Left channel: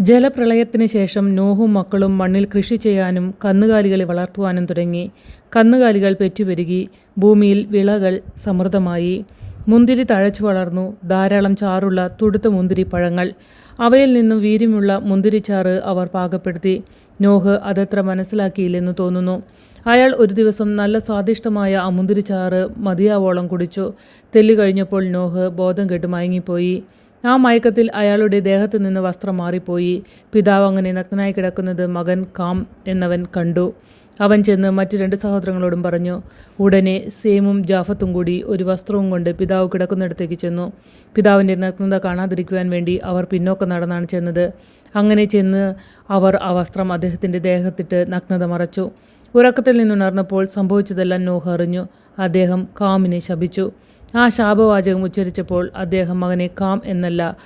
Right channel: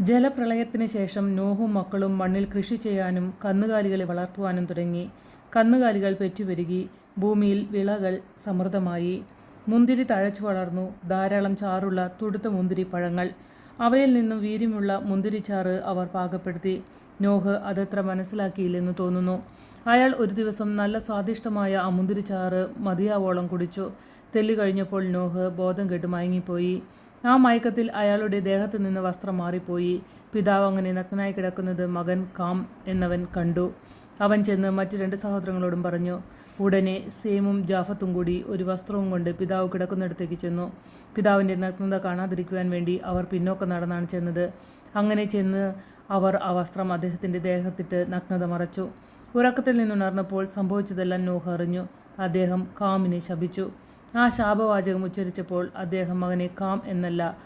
ജലപ്രളയത്തിന് ശേഷം നോഹും മക്കളും മണ്ണിൽ കൃഷി ചെയ്യാനും കന്നുകാലികളെ വളർത്തുവാനും തുടങ്ങി. കന്നുകാലികൾ പെറ്റുപെരുകി ഭൂമിയിൽ വിളകൾ സമൃദ്ധമായി. മുന്തിരി തഴച്ചു വളർന്നു. ധാരാളം ചാറുള്ള തുടുത്ത മുന്തിരി പഴങ്ങൾ. അവയിൽ നിന്നും വീര്യമുള്ള മുന്തിരിച്ചാറ് അവർ പാകപ്പെടുത്തി. നോഹ് അതത്ര മനസ്സിലാക്കിയില്ലെന്ന് തോന്നുന്നു. അയാൾ ഒരു ദിവസം നല്ല സ്വാദിഷ്ടമായ ആ മുന്തിരിച്ചാറ് മതിയാവോളം കുടിച്ചു. തെല്ലുകഴിഞ്ഞപ്പോൾ നോഹ് ബോധം കെട്ട് മയങ്ങിപ്പോയി. ആ മയക്കത്തിൽ അയാളുടെ ദേഹത്തു നിന്ന് വസ്ത്രം മാറിപ്പോയി. പിതാവ് അങ്ങനെ നഗ്നായി കിടക്കുന്നത് മകൻ കാം എന്നവൻ കണ്ടു. അവൻ ചെന്ന് മറ്റു രണ്ട് സഹോദരങ്ങളോടും പറഞ്ഞു ഉടനെ സേമും ജാഫത്തും കൂടി ഒരു വസ്ത്രവും കൊണ്ട് പിതാവ് കിടക്കുന്നിടത്തേക്ക് ചെന്നു. പിതാവിന്റെ നഗ്നത കാണാതിരിക്കുവാൻ വേണ്ടി അവർ പിന്നോക്കം നടന്നാണ് ചെന്നത്. അങ്ങനെ ചെന്ന് അവർ ആ വസ്ത്രം അദ്ദേഹത്തിന്റെ ദേഹത്തിട്ട് നഗ്നത മറച്ചു. ഉറക്കത്തിൽ നിന്നുണർന്നപ്പോൾ സംഭവിച്ചതെല്ലാം നോഹ അറിഞ്ഞു. അദ്ദേഹം കാമിനെ ശപിച്ചു. ആ ശാപവാചകം ഉച്ചരിച്ചപ്പോൾ അദ്ദേഹം മകനെ കാം എന്നല്ല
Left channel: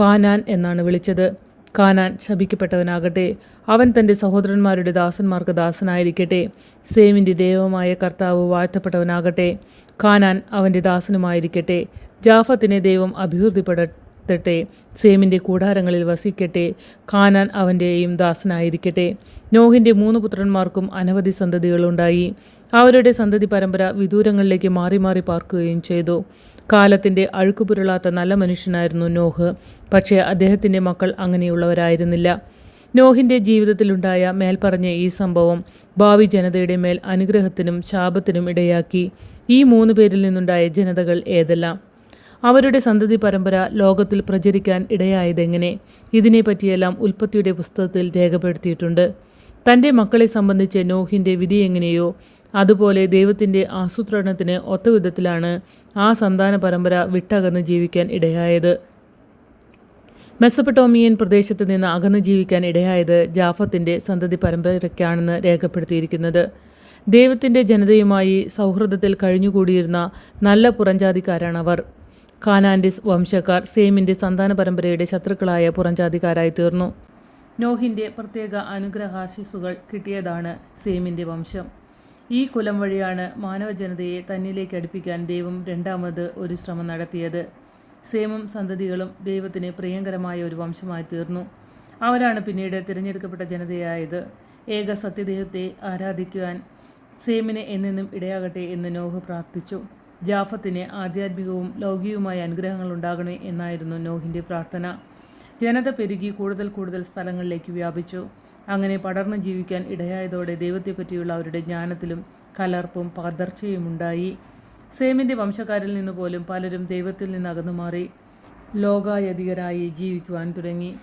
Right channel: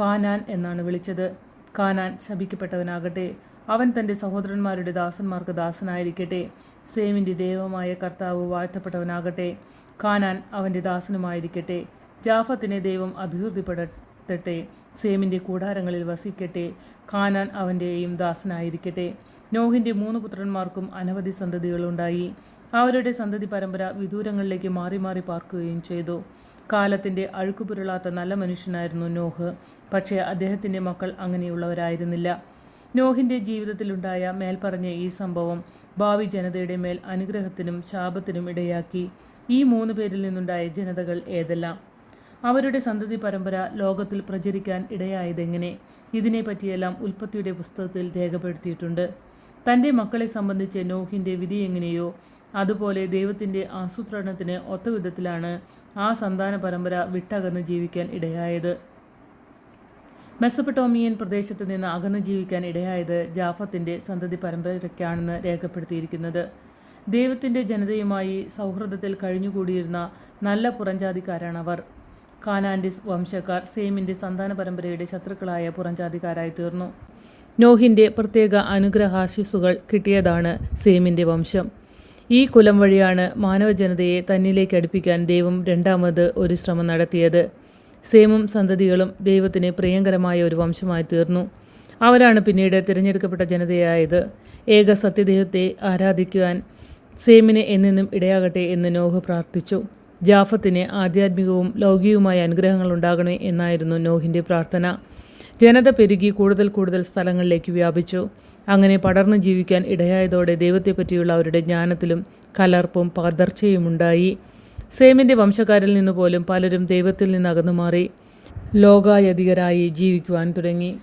കാനാൻ എന്നാണ് വിളിച്ചത്. കാനാൻ ശപിക്കപ്പെട്ടവനാകട്ടെ അവൻ തന്റെ സഹോദരന്മാരുടെ ദാസന്മാർക്ക് ദാസനായിരിക്കട്ടെ സേമിന്റെ ദൈവമായ കർത്താവ് വാഴ്ത്തപ്പെട്ടവനാകട്ടെ കാനാൻ അവന്റെ ദാസനുമായിരിക്കട്ടെ ജാഫത്തിനെ ദൈവം അഭിവൃദ്ധിപ്പെടുത്തട്ടെ സേമിന്റെ കൂടാരങ്ങളിൽ വസിക്കട്ടെ കാനാൻ അവന്റെയും ദാസനായിരിക്കട്ടെ. നോഹിന്റെ മൂന്ന് പുത്രന്മാർക്കും അനവധി സന്തതികളുണ്ടായി. അവരുടെ സന്തതി പരമ്പര വിദൂരങ്ങളിലേക്ക് മാറി മാറി പാർക്കുകയും ചെയ്തു. കാലത്തിന്റെ അഴുക്കുപുരളാത്ത നല്ല മനുഷ്യനായിരുന്നു നോഹ്. പക്ഷേ അദ്ദേഹത്തിന്റെ മക്കൾ അങ്ങനെയുള്ളവരായിരുന്നില്ല. നോഹിന്റെ ജീവിതത്തിലുണ്ടായ മേൽപ്പറഞ്ഞ ഈ സംഭവം ഭാവി ജനതയുടെ മേൽ അനുഗ്രഹത്തിനും ശാപത്തിനും ഇടയാക്കി. ഈ മൂന്ന് പേരിൽ നിന്നുണ്ടായ ജനതകൾ ഏതെല്ലാം? അവരുടെ സന്തതി പരമ്പര ലോകത്തിൽ പ്രചരിക്കാൻ ഇടയായതെങ്ങനെ? ഇതിനെപ്പറ്റിയെല്ലാം ഉൽപ്പത്തിയുടെ പുസ്തകത്തിൽ രേഖപ്പെടുത്തിയിട്ടുണ്ട്. തന്റെ മക്കളെ സംബന്ധിച്ച് നോഹിന്റെ വിധി എങ്ങനെയോ അതുപോലെ ദൈവത്തിന്റെ ആസൂത്രണത്തിന് ഒത്ത വിധത്തിലാണ് ആ സന്താന പരമ്പര വിട്ടകന്ന് ജീവിക്കാൻ ഇടയായത്. മെസ്സപ്പട്ടോമിയൻ പ്രദേശത്ത് നിന്ന് അകന്ന് ജീവിക്കാൻ ഇടയായത് ജാഫത്തിന്റെ സന്തതി പരമ്പരയ്ക്കാണെന്ന് രേഖപ്പെടുത്തിയിരിക്കുന്നത്. ദൈവത്തിന്റെ ജനതയുമായി സൗഹൃദത്തിൽ കഴിഞ്ഞുകൂടിയിരുന്ന നല്ല പുറംജാതിക്കാരാണവർ കാനാന്റെ വംശക്കാർ സേമിന്റെ സന്താന പരമ്പരയുടെ ശത്രുക്കളായ പുറംജാതിക്കാരായി തീർന്നു. നോഹിന്റെ പ്രത്യേക അനുഗ്രഹാശിസുകൾ കിട്ടിയതാണ് സേമിന്റെ വംശം. ഈ കുലം വഴിയാണ് മാനവജനതയെ തന്നിലേക്ക് അടുപ്പിക്കാൻ ദൈവം രണ്ടാമത് ഒരു ശ്രമം നടത്തിയത്. സേമും സന്തതികളും ദൈവത്തിന് പ്രിയങ്കരമായ ഒരു വംശമായി തീർന്നു. അവരാണ് പിന്നീട് തിരഞ്ഞെടുക്കപ്പെട്ട ജനതയായത്. ഏക സത്യദൈവത്തെ ആരാധിക്കുവാൻ സേമിനെ എന്നെന്നും ഇടയാകട്ടെ എന്ന് നോഹ് പ്രാർത്ഥിച്ചു. ജാഫത്തിന് ആധ്യാത്മികവും ലൗകികവുമായ അനുഗ്രഹങ്ങൾ ഉണ്ടാകണേ എന്നായിരുന്നു നോഹിന്റെ പ്രാർത്ഥന. ജനത പെരുകി കൂടുതൽ കൂടുതൽ സ്ഥലങ്ങളിലേക്ക് വ്യാപിച്ചു. അങ്ങനെ പടർന്നു ജീവിക്കാൻ ഇടയായതോടെ ദൈവത്തെപ്പറ്റിയുള്ള അവരുടെ ജ്ഞാനത്തിലും കലർപ്പും പകർച്ചയുമുണ്ടായി. സേമിന്റെ വംശക്കാരിൽ നിന്ന് പോലും പലരും ദൈവത്തിൽ നിന്ന് അകന്നുമാറി ലോകായതികരായി ജീവിക്കുവാൻ തുടങ്ങി.